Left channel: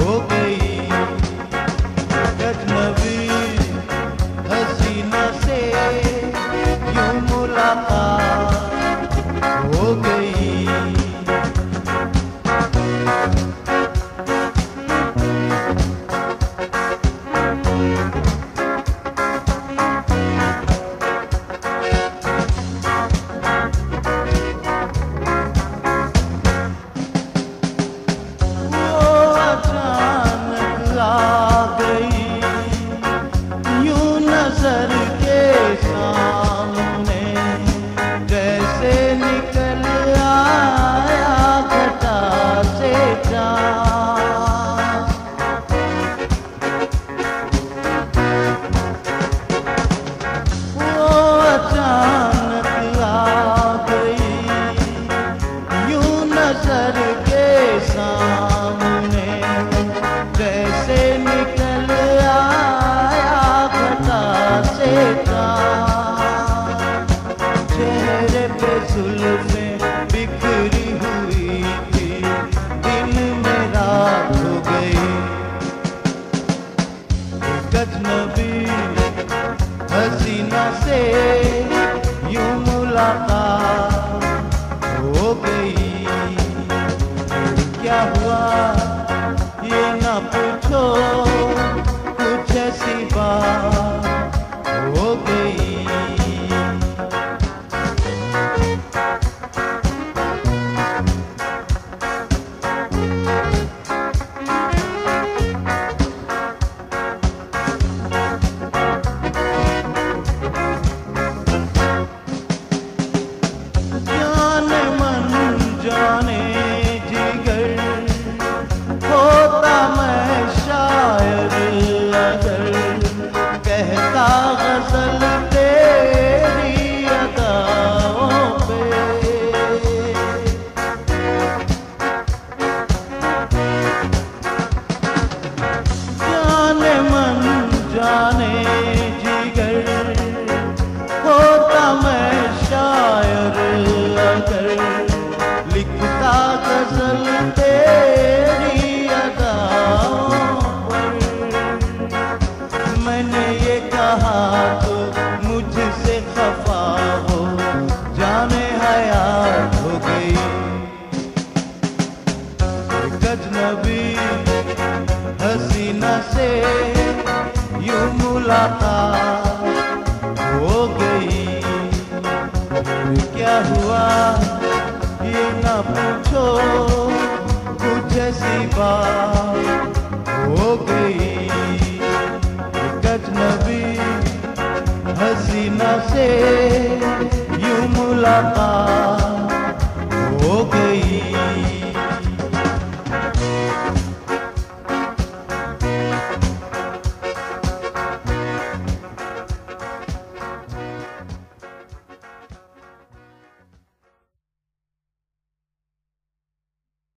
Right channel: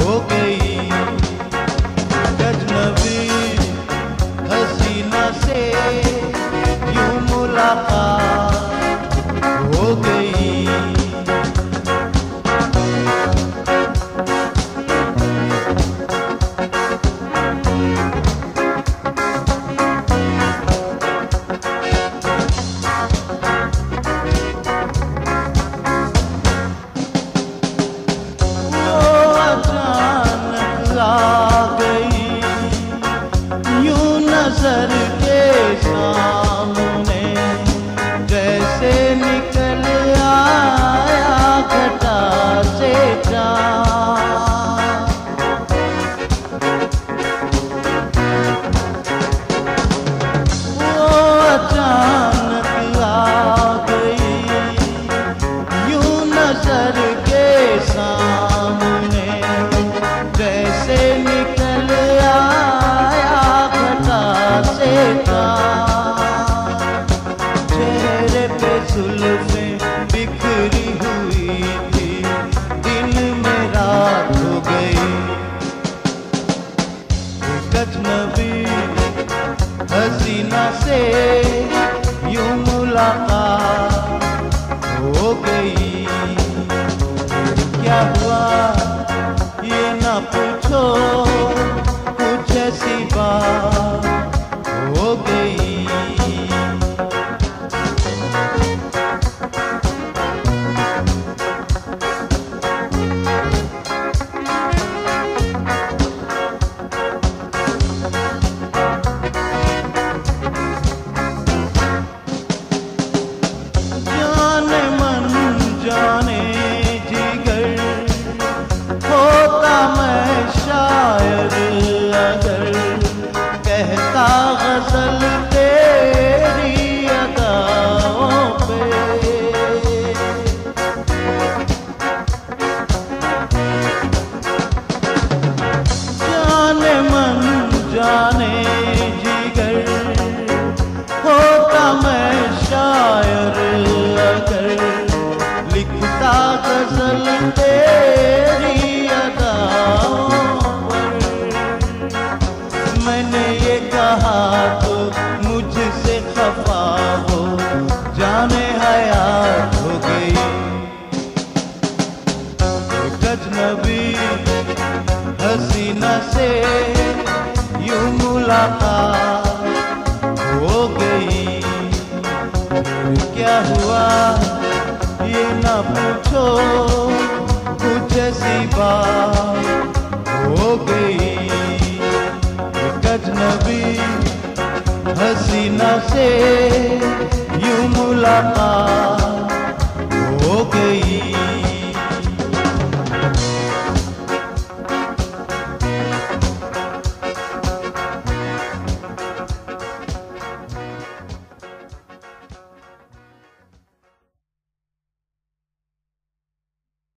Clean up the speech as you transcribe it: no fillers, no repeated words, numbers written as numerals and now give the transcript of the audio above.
हो गई अजनबी हसीना से यूं मुलाकात हो गई। नजर के सामने जैसे निकल आया घटा से चाँद, वो अचानक आ गई यूं नजर के सामने जैसे निकल चेहरे पे जुल्फें बिखरी हुई थी, दिल में रात हो गई। अजनबी हसीना से यूं मुलाकात हो गई। क्या हुआ ये ना पूछो, कुछ ऐसी बात हो गई। जाने मन जाने जिगर होता मैं शायर अगर कहता गजल तेरी अदाओं पे। जाने मन जाने जिगर होता मैं शायर अगर लिखता गजल तेरी अदाओं पर। मैंने ये कहा तो मुझसे खफा हो जाने हयात हो गई। अजनबी हसीना से यूं मुलाकात हो गई। क्या हुआ ये ना पूछो, कुछ ऐसी बात हो गई। अजनबी हसीना से यूं मुलाकात